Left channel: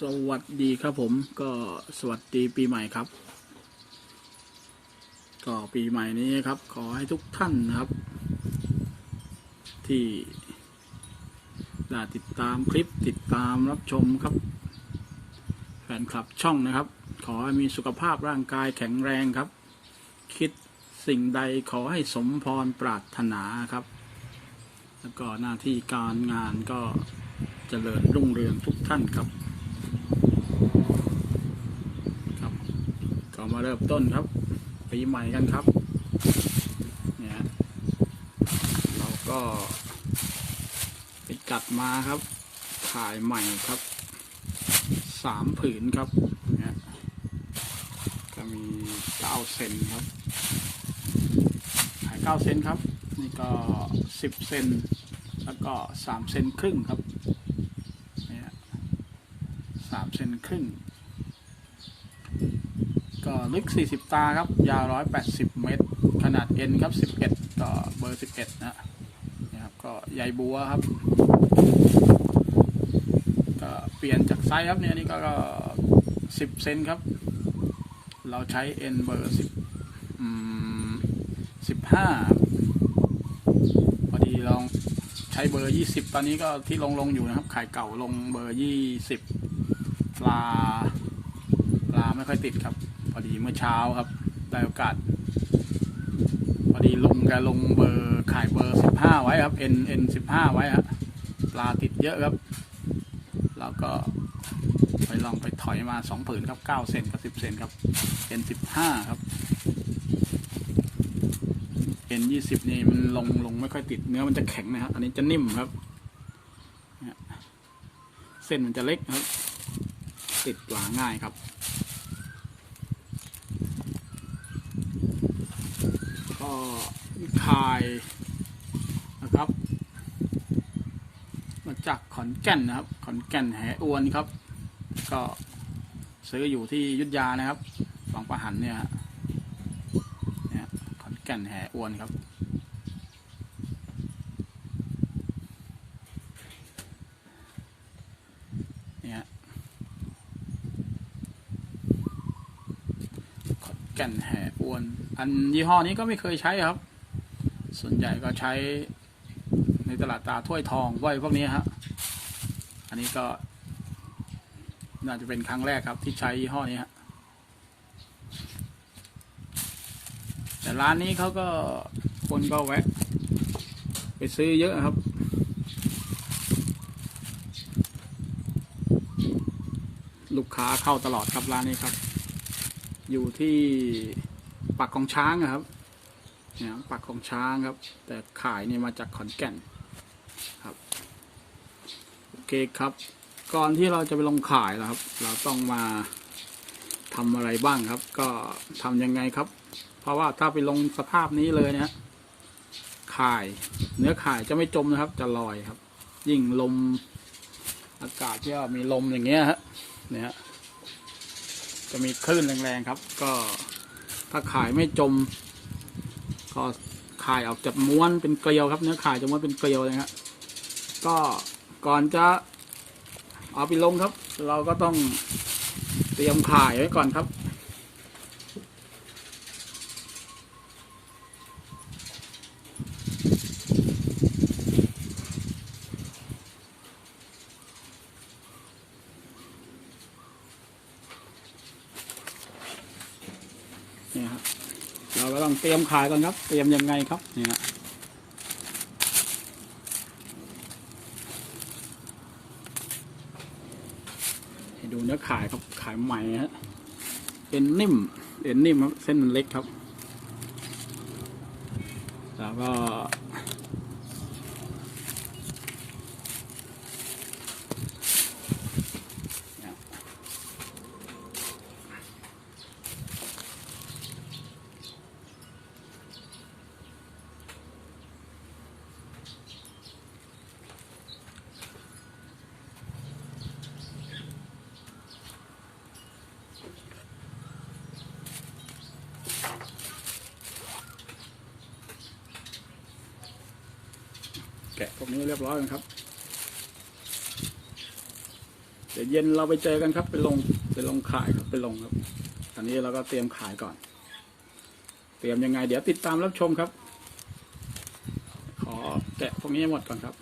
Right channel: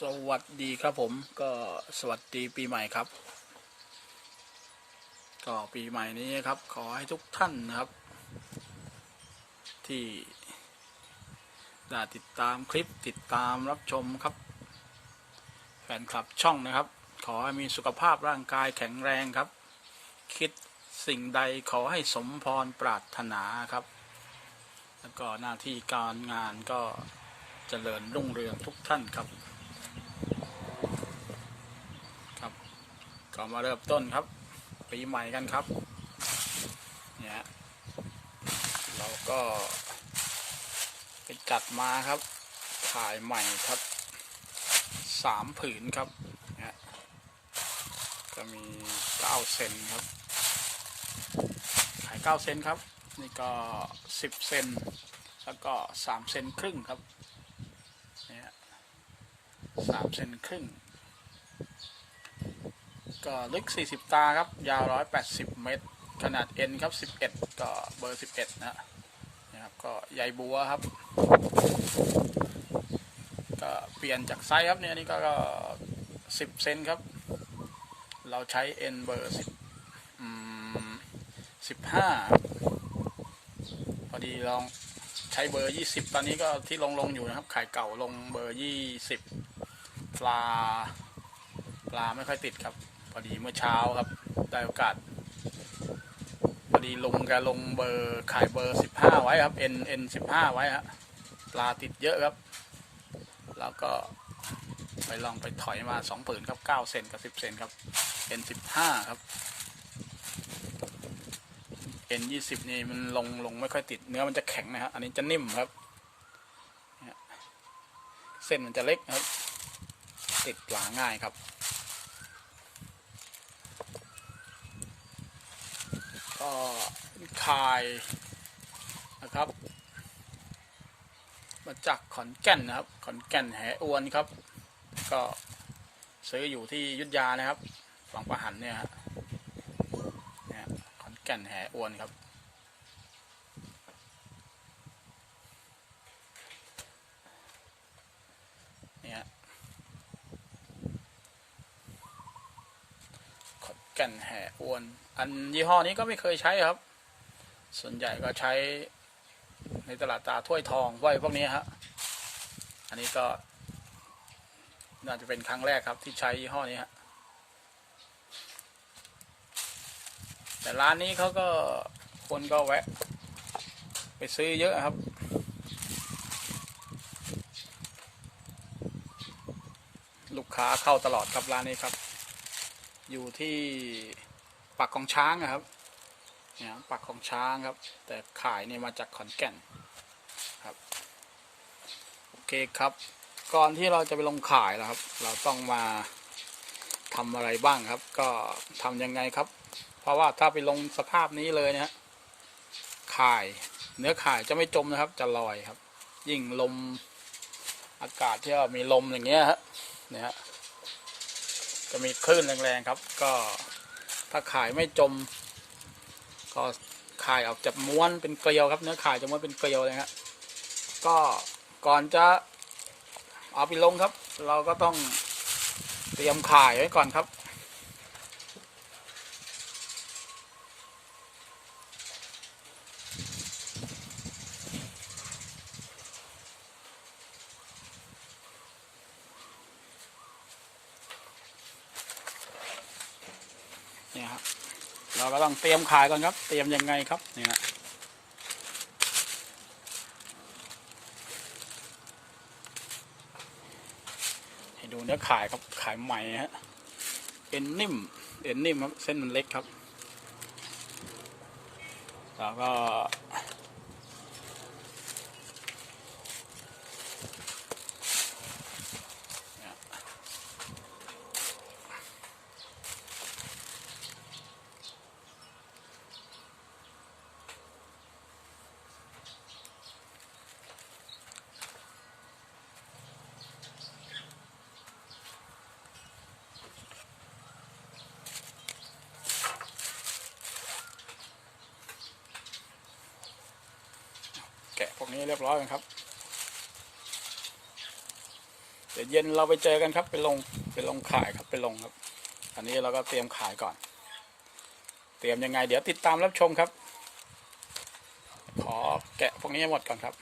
สวัสดีครับผมก็สวัสดีปีใหม่ครับ ก็ปีใหม่นี้ครับ ขอให้ทุกท่านนะครับ ที่ได้ติดตามคลิปติดตามรับชมครับ แฟนคลับช่องนะครับ ขอให้มีสุขภาพร่างกายแข็งแรงครับ คิดสิ่งใดขอให้สมพรปรารถนาครับ แล้วก็หน้าที่การงานก็เจริญรุ่งเรืองทุกท่านครับ ครับก็มาเริ่มต้นครับปีใหม่กันครับ เนี่ยเราก็ไปจัดมาครับขายใหม่ครับ สามผืนครับเนี่ยก็มีเก้าเซนครับ ขายเก้าเซนครับ นี่ก็สิบเซนแล้วก็สามเซนครึ่งครับ สามเซนครึ่ง ก็ลึก 40 ตาครับ ยาว 180 เมตร ขนาด N ครับ 11 ต่อเบอร์ 11 นะนะครับ ก็ใยบัวครับ ก็เปลี่ยนจากไซส์ครับเนี่ยนี่ก็ก็ 10 เซนครับ เราใช้ N เบอร์10อืม15 พอดีลองใช้เบอร์ 20 ตอนนี้ก็ที่ลงลงอยู่นะครับ ขายเก่าลงเบอร์ 20 ปลา ปลาไม่ค่อยติดครับ พอดีเมื่อเช้าครับ ได้โอกาส พอดีลุงแกลงเบอร์ขายเบอร์15ไว้ครับ N N 15ไว้ครับปลาติดเยอะครับ แล้วก็ไปลองไปถอยมาสองผืนครับ9เซนกับ10เซนครับ N 15ครับ N 20นี่มันลงลงไม่ค่อยติดเนื้อมันจะแข็งนะครับ อันนี้จะนิ่มครับ เส้นมันจะเล็กครับ ติดปลางง่ายครับ ก็คายนะครับ มาจากขอนแก่นนะครับ ขอนแก่นแหอวนครับ ก็ซื้ออยู่ที่ยุทธยานะครับบางประหันเนี่ยฮะเนี่ยขอนแก่นแหอวนครับ เนี่ย ขอน แก่นแห่อ้วน อันยี่ห้อนี้ก็ไม่เคยใช้ครับ ส่วนใหญ่ก็ใช้ในตลาดตาถ้วยทองไว้พวกนี้ฮะ อันนี้ก็น่าจะเป็นครั้งแรกครับ ที่ใช้ยี่ห้อนี้ฮะ แต่ร้านนี้เขาก็คนก็แวะ ไปซื้อเยอะครับลูกค้าเข้าตลอดครับร้านนี้ครับ อยู่ที่ปักของช้างอะครับเนี่ยปักของช้างครับ แต่ขายนี่มาจากขอนแก่นครับโอเคครับ ก่อนที่เราจะไปลงขายนะครับ เราต้องมาทำอะไรบ้างครับ ก็ทำยังไงครับ เพราะว่าถ้าไปลงสภาพนี้เลยนะฮะข่าย เนื้อข่ายจะไม่จมนะครับ จะลอยครับ ยิ่งลมอากาศที่มีลมอย่างเงี้ยฮะเนี่ยฮะ จะมีคลื่นแรงๆครับ ก็ถ้าขายไม่จม ก็ขายออกจากม้วนเป็นเกลียวครับ เนื้อขายจะม้วนเป็นเกลียวเลยครับก็ก่อนจะเอาไปลงครับ เราก็ต้องเตรียมขายไว้ก่อนครับ นี่ยครับเราก็ต้องเตรียมขายกันครับ เตรียมยังไงครับเนี่ยให้ดูเนื้อขายครับขายใหม่ฮะเอ็นนิ่มเอ็นนิ่มครับเส้นมันเล็กครับ แล้วก็ วกนี้เรียบร้อยกันครับ เดี๋ยวเย็นเราไปเจอกันครับไปลงไปลงขายครับไปลงครับ อันนี้เราก็เตรียมขายก่อน เตรียมยังไง เดี๋ยวติดตามรับชมครับ ขอแกะพวกนี้หมดก่อนครับ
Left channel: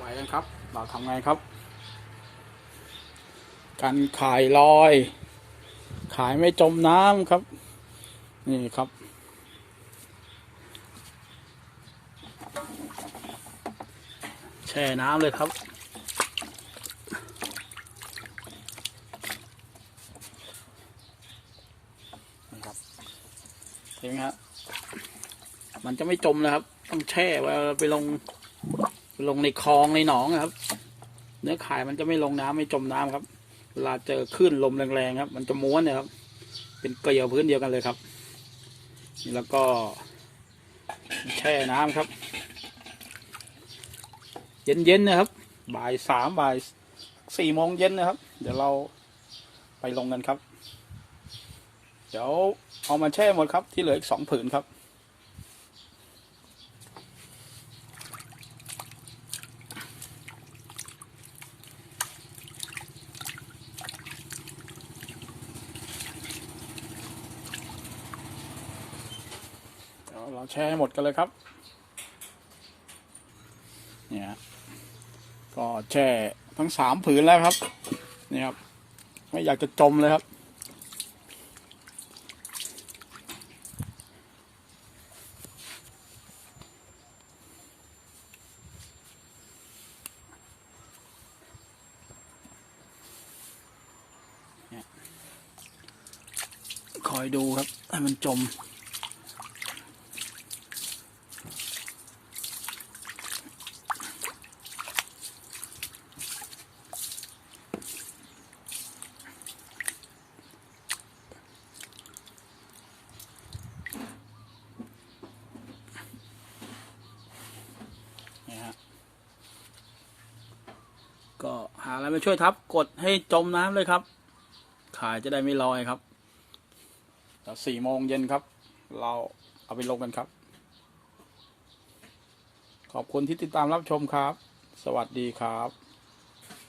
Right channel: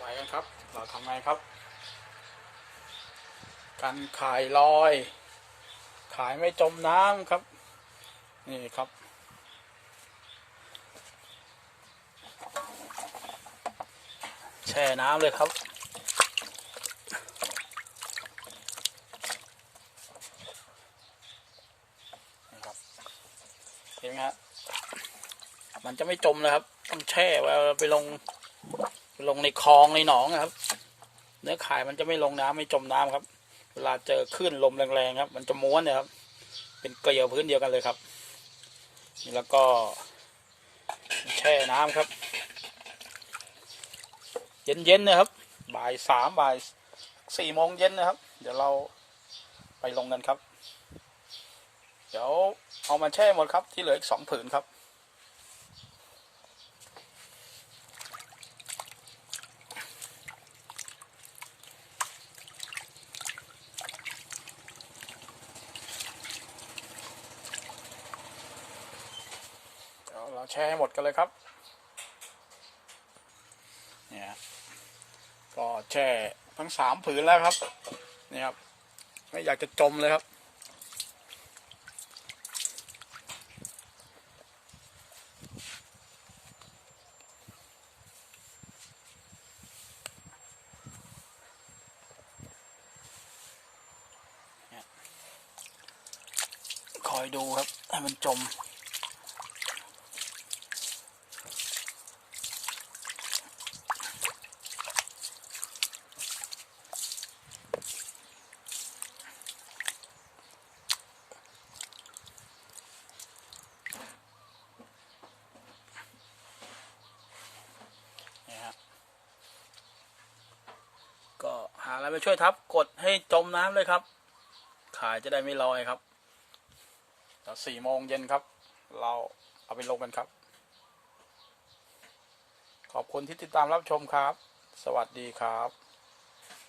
ไปกันครับ เราทำไงครับ การขายลอย ขายไม่จมน้ำครับ นี่ครับ แช่น้ำเลยครับนี่ครับเห็นไหมครับมันจะไม่จมนะครับ ต้องแช่ไว้ไปลง ลงในคลองในหนองนะครับ เนื้อข่ายมันจะไม่ลงน้ำไม่จมน้ำครับ เวลาเจอคลื่นลมแรงๆครับ มันจะม้วนเนี่ยครับ เป็นเกลียวพื้นเดียวกันเลยครับแล้วก็แช่น้ำครับ เย็นๆนะครับ บ่ายสามบ่ายสี่โมงเย็นนะครับ เดี๋ยวเราไปลงกันครับ เดี๋ยวเอามาแช่หมดครับ ที่เหลืออีกสองผืนครับ เราแช่ให้หมดกันเลยครับ เนี่ย ก็แช่ทั้งสามผืนแล้วครับนี่ครับ ไม่อยากจะจมเลยครับ คอยดูครับ ให้มันจม เนี่ยฮะ เราไปช่วยทับกดให้จมน้ำเลยครับ ขายจะได้ไม่ลอยครับเดี๋ยวสี่โมงเย็นครับ เราเอาไปลงกันครับ ขอบคุณที่ติดตามรับชมครับ สวัสดีครับ